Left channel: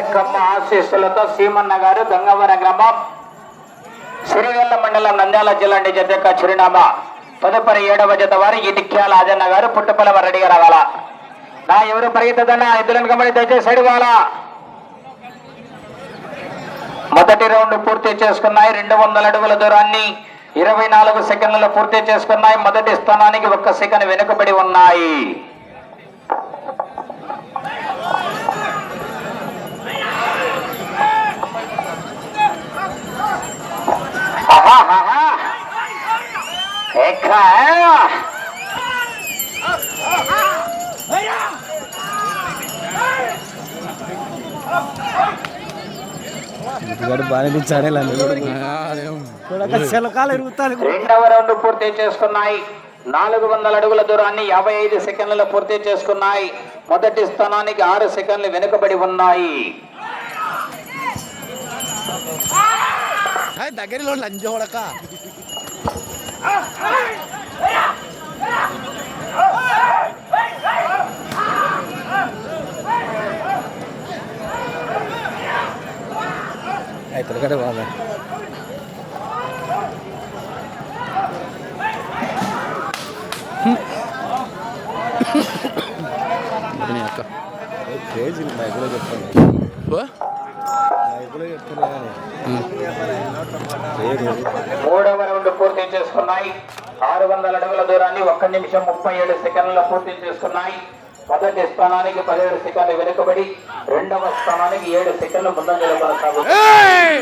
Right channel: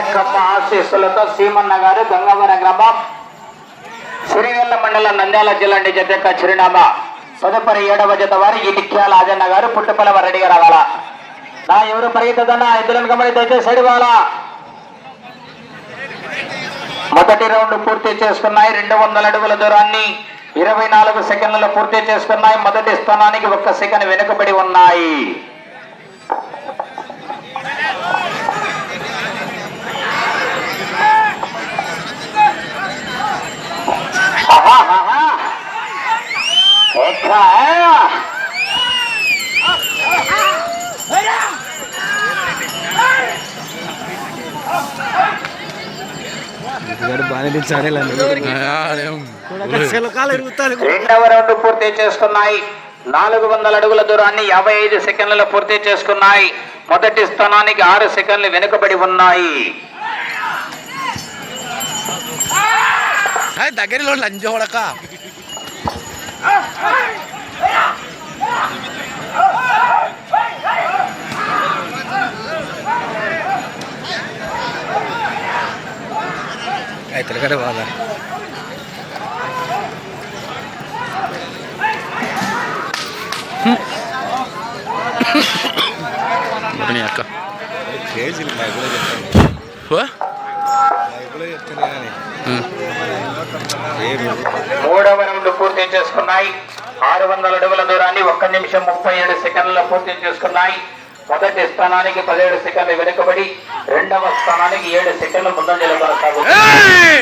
నాయకమ్మ ఆశీస్సులతో సీమన్న గారు గంగవరం గ్రామం సిరిగల్ల మండలం నంద్యాల జిల్లా జత యొక్క చిరునామా తదుపరి 7వ జత వారి ఇటిక్యాల ఆజన్న గారు పుట్టపల్లవ రెడ్డిగా రావాల. నా ఎవరు పరిగెత్తదన్నా ఇద్దరు గమని దయచేసి సైడ్ వాలా. మొదటి రౌండ్ పూర్తి చేసుకున్నాయి. 200 అడుగుల దూరాన్ని 24 సెకండ్లలో పూర్తి చేసుకున్నాయి. మొదటి స్థానానికి 1 సెకండ్ వెనుకబడి ఉన్నాయి. రెండవ రౌండ్ పూర్తి చేసుకున్నాయి. 400 అడుగుల దూరాన్ని 55 సెకండ్లలో పూర్తి చేసుకున్నాయి. మొదటి స్థానానికి 6 సెకండ్లు వెనుకబడి ఉన్నాయి. దగ్గరలో లంజోడక అయితే బాగా అక్క మూడవ రౌండ్ పూర్తి చేసుకున్నాయి. 600 అడుగుల దూరాన్ని 1 నిమిషం 37 సెకండ్లలో పూర్తి చేసుకున్నాయి. మొదటి స్థానానికి 17 సెకండ్లు వెనుకబడి రెండవ స్థానానికి 7 సెకండ్లు ముందంజలో కొనసాగుతున్నాయి.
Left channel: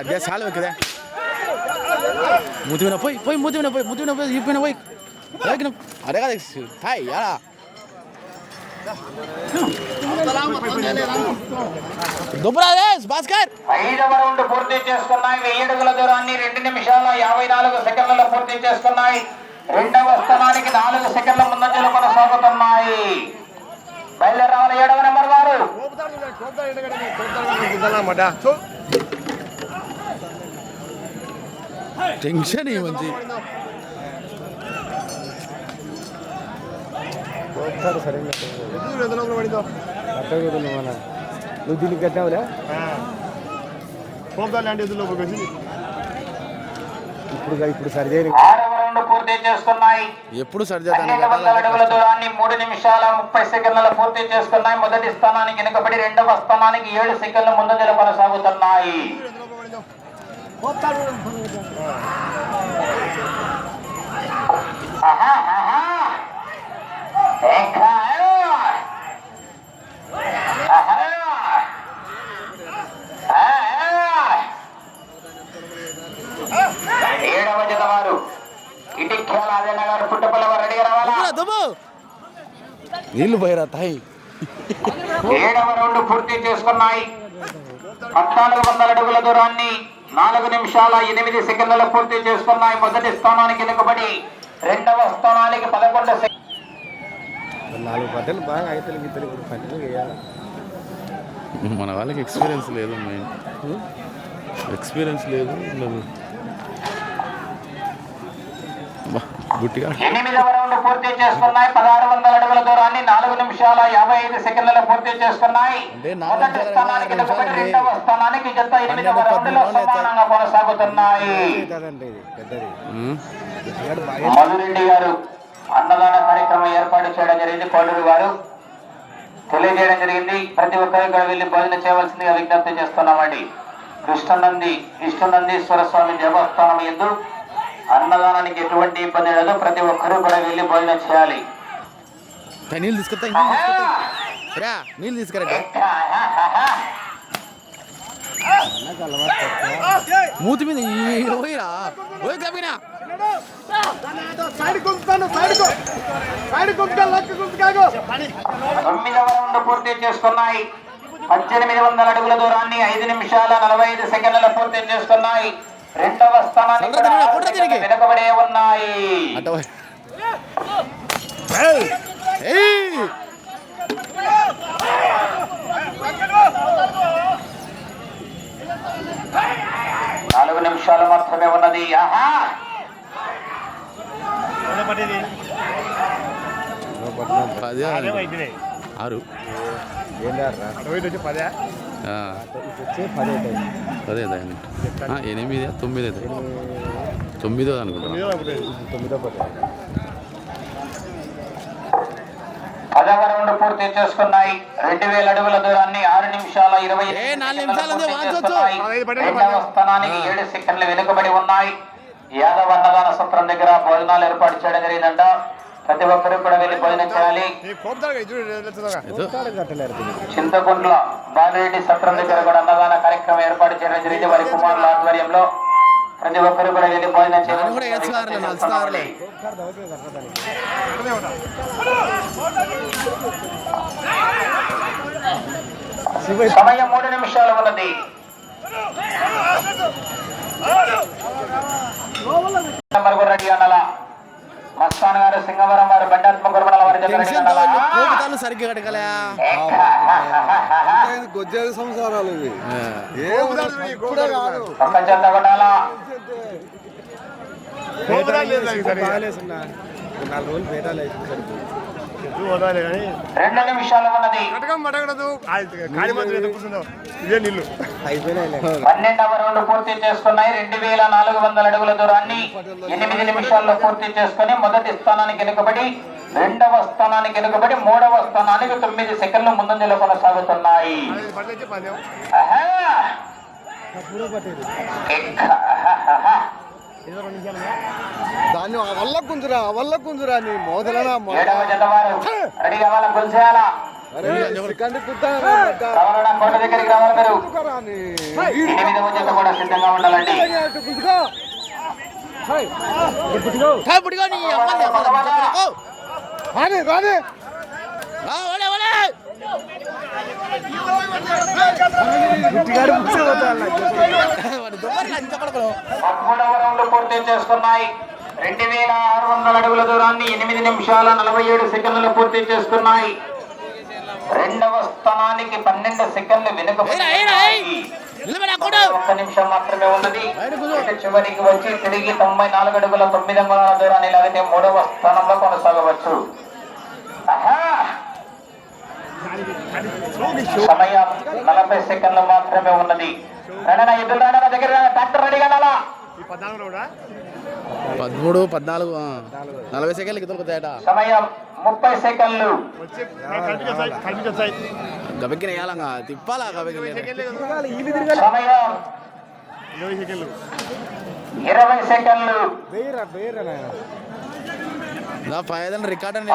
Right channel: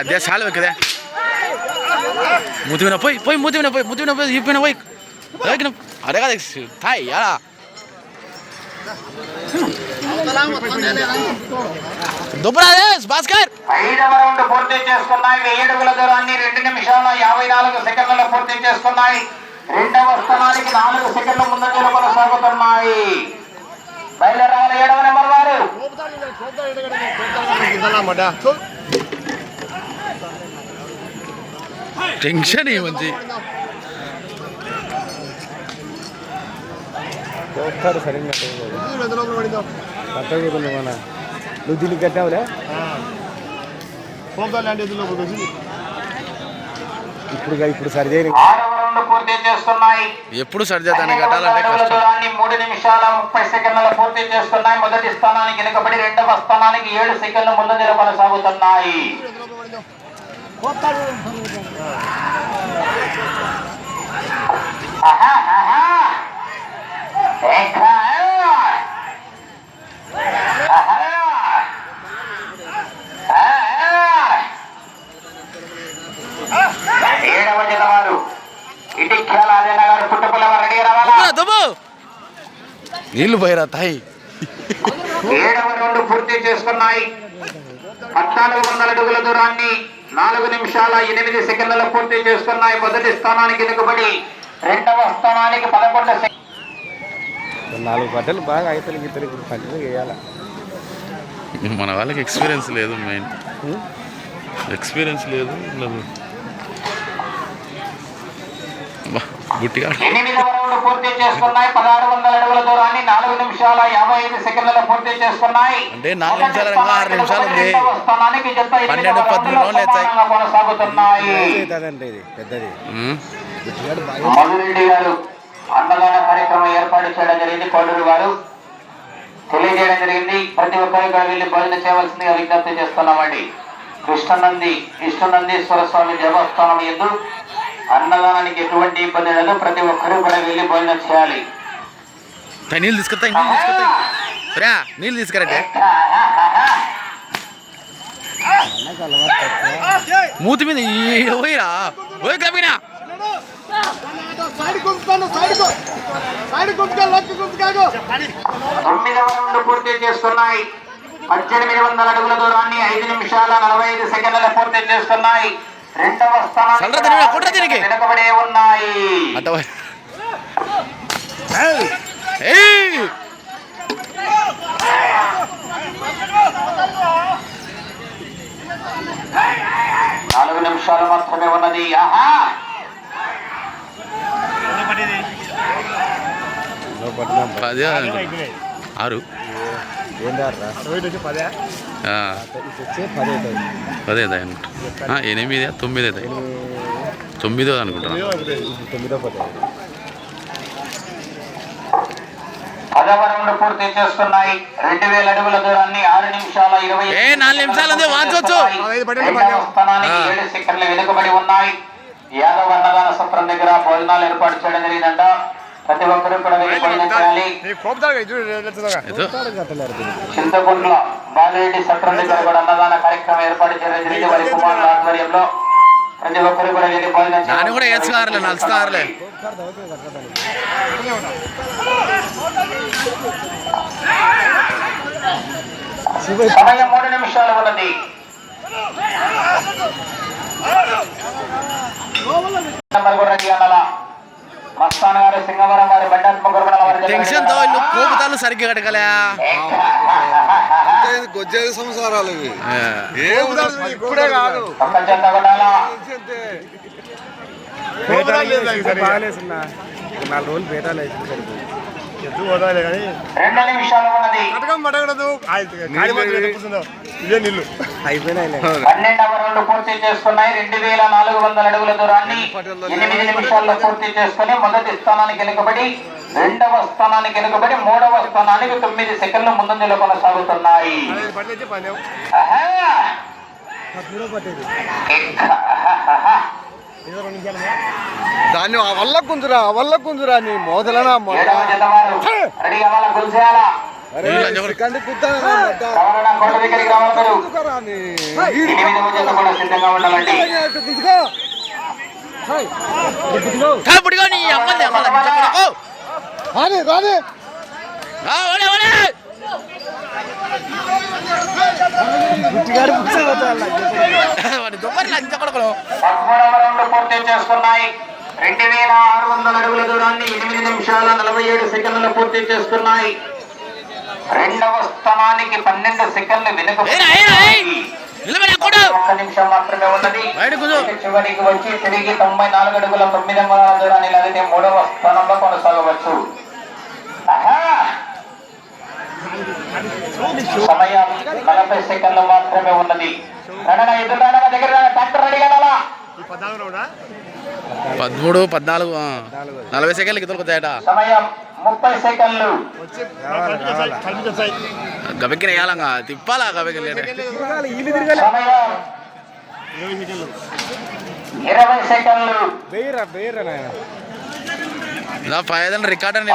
అదే చాలు కదా ముతిమిన పోయి ముతిమిన పోయి ఇప్పిన పోయి అదే కదా థాయ్ యాడా భాస్కర్. 5వ రౌండ్ పూర్తి చేసుకున్నాయి. 1000 అడుగుల దూరాన్ని 2 నిమిషాల 54 సెకండ్లలో పూర్తి చేసుకున్నాయి. రెండవ స్థానానికి 4 సెకండ్ల ముందంజలో కొనసాగుతున్నాయి. బయలుదేరాలి 7వ నెంబర్ వారు. టెన్షన్ ఏమంది నువ్వు దీనికి కట్టావులే ఇప్పుడు సరిదే. 6వ రౌండ్ పూర్తి చేస్తున్నాయి. ఎప్పుడు సరిచేదాన్ని కట్టాలంటే 3 నిమిషాల 30 సెకండ్లలో పూర్తి చేసుకున్నాయి. మొదటి స్థానానికి వెనుకబడి రెండవ స్థానానికి 7 సెకండ్ల ముందంజలో కొనసాగుతున్నాయి. ఏడవ జత వారు ఇటిక్యాల ఆజన్న గారు పుట్టపల్లవ రెడీగా రావాలా. నీళ్లు పోయిరా తాయి. 7వ రౌండ్ పూర్తి చేసుకున్నాయి. 1400 అడుగుల దూరాన్ని 4 నిమిషాల 8 సెకండ్లలో పూర్తి చేసుకున్నాయి. మొదటి స్థానానికి వెనుకబడి రెండవ స్థానానికి 11 సెకండ్లు. 4 బట్టలు బాగా అయిపోయి మన వాళ్ళకి ఎక్స్పీరియన్స్ లేదు. మెయిన్ ఎక్స్పీరియన్స్ లేదు. 8వ రౌండ్ పూర్తి చేసుకున్నాయి. 1600 అడుగుల దూరాన్ని 4 నిమిషాల 55 సెకండ్లలో పూర్తి చేసుకున్నాయి. అంటే 4 నిమిషాలు 6 నిమిషాలు ఉంది. స్థానానికి జత 12-13 కొనసాగుతున్నాయి. మధురెడ్డి గారు అన్నదాన కార్యక్రమం ఏర్పాటు చేయడం జరిగింది. కోడూరు వారు తెలియజేయడం జరిగింది. ప్రతి ఒక్కరు ఇక్కడ వెళ్ళి భోజనం చేయవలసిందిగా విజ్ఞప్తి చేస్తున్నామండి. కృష్ణనందీశ్వర స్వామి దేవస్థానం యందు అన్నదానానికి ఎటువంటి ఇబ్బంది లేదు. ప్రతి ఒక్కరూ కూడా వెళ్ళి భోజనం చేయాలి. నీళ్ళు తీసుకొస్తాయి నీళ్ళు తీసుకురండి. మూతి మీద పోయిరా పోయి కప్పినా. 9వ రౌండ్ పూర్తి చేసుకున్నాయి. 1800 అడుగుల దూరాన్ని 5 నిమిషాల 45 సెకండ్లలో పూర్తి చేసుకున్నాయి. రెండవ స్థానానికి వెనుకబడే ఉన్నాయి. నాలుగు నిమిషాలు మాత్రమే ఉన్నది. ఆహా పది 6 పదే 8 9 9 అనుకుంటున్నా. 10వ రౌండ్ పూర్తి చేసుకున్నాయి. 2000 అడుగుల దూరాన్ని 6 నిమిషాల 24 నిమిషాలు వాంచవచ్చు. రెండవ స్థానానికి 7 సెకండ్లు వెనుకబడి ఉన్నాయి. యాదవ్ అన్నదాన సత్రం దగ్గర భోజనాలు ఏర్పాటు చేయడం జరిగిందంట. ప్రతి ఒక్కరూ కూడా వెళ్ళి భోజనం చేయాలి. చింతకుంట్ల బాలరెడ్డి సత్రం దగ్గర కూడా అన్నదాన కార్యక్రమం ఏర్పాటు చేయడం జరిగింది. వారి కుమారుల ఆధ్వర్యంలో ప్రతి ఒక్కరు కూడా వెళ్ళి భోజనం చేయాలి. సమయం 3 నిమిషాలు ఉన్నది. రెడ్డి అన్నల మస్తాన్ గారు, సింగవరం వారు, బండాత్మ గురుమల వారి కోపుతాలు సరిగ్గా కడగలే. సంసారాలు ఇప్పుడే కాదు ప్రపంచంతో కొట్టాలా. 2 నిమిషాలు ఉన్నది. 12వ రౌండ్ పూర్తి చేసుకున్నాయి. 2400 అడుగుల దూరాన్ని 8 నిమిషాల్లో పూర్తి చేసుకుని మొదటి స్థానానికి వెనుకబడి, 2వ స్థానానికి వెనుకబడి, 3వ స్థానానికి 9 సెకండ్లు ముందంజలో కొనసాగుతున్నాయి. దాన్ని వల్ల కుంజురా నీ మోదలనా 7వ జత వారు రెడీ అవ్వాల. గుల్చేయాలా కోట దగ్గరికి రావాలి. 8వ జత కూడా సిద్ధంగా ఉండాలండి. పూర్తి చేసుకున్నాయి. 2600 అడుగుల దూరాన్ని 8 నిమిషాల 47 సెకండ్లు పూర్తి చేసుకున్నాయి. 2వ స్థానానికి 12 సెకండ్లు వెనుకబడి 1 నిమిషం మాత్రమే ఉన్నది. చివరికి వచ్చి తిరిగి 94 అడుగుల 9 అంగుళాల దూరాన్ని లాగితే 3వ స్థానంలో కొనసాగవచ్చు. సమయం 40 సెకండ్లు మాత్రమే ఉన్నది. ఎదురు దగ్గర ట్రాక్టర్ రెడీ కావాలా. 13, 14, 40 సెకండ్లకి దొరుకుతాయట. సమయం 30 సెకండ్లు. గబెక్కిన వేయాలంగా తిప్పాలా గబెక్కిన సమయం 20 సెకండ్లు. 5 రికార్డ్ అని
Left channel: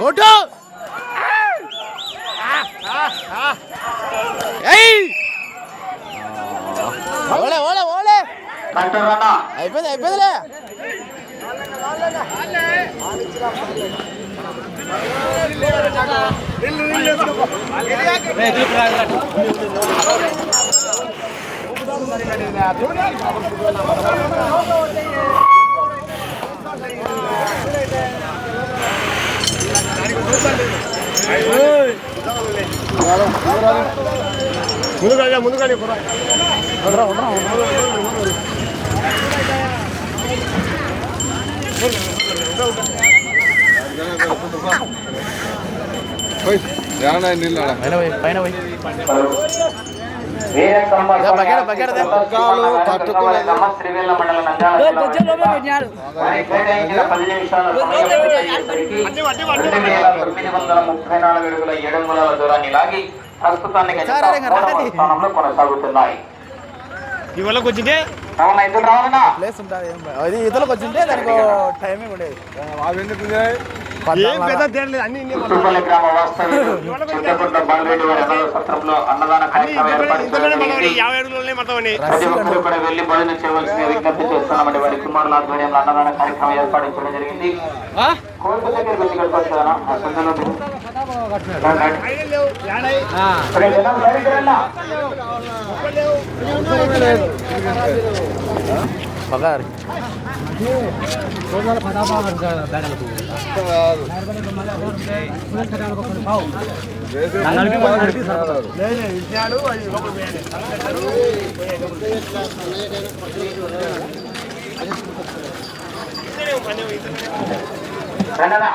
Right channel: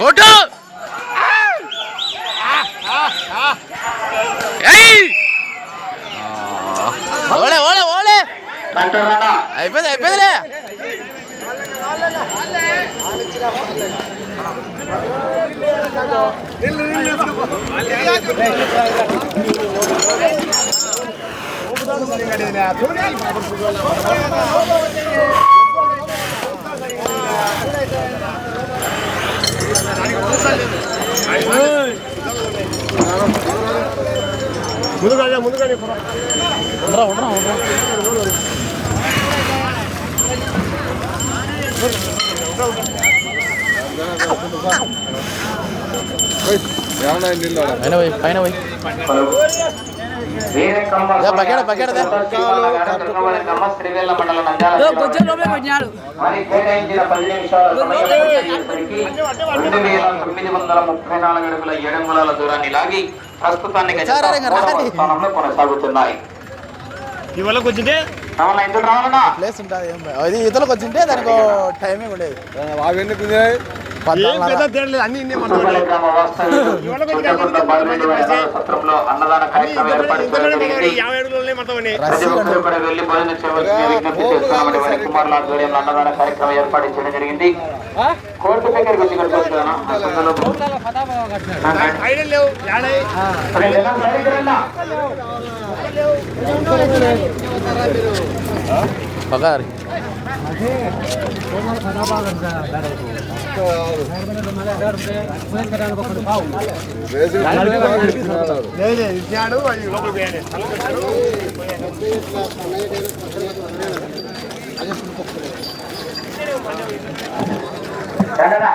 ఫోటో ఓలే ఓలే ఓలే అయిపోయిందిలే. ముందుగా పైన కొనసాగుతున్నాయి. ప్లేస్ ఉంటుంది. అది ఈతలకు వచ్చింటే దానికి టైమింగ్ ఉండేది. సత్రంలో అన్నదాన కార్యక్రమం ఏర్పాటు వెళ్లి భోజనం చేయవలసిన విజ్ఞప్తి చేస్తామని వారి కుమారుల ఆధ్వర్యంలో అన్నదాన కార్యక్రమం ఏర్పాటు చేయడం జరిగింది. కోర్టు దగ్గరికి వచ్చి పగారి రండనా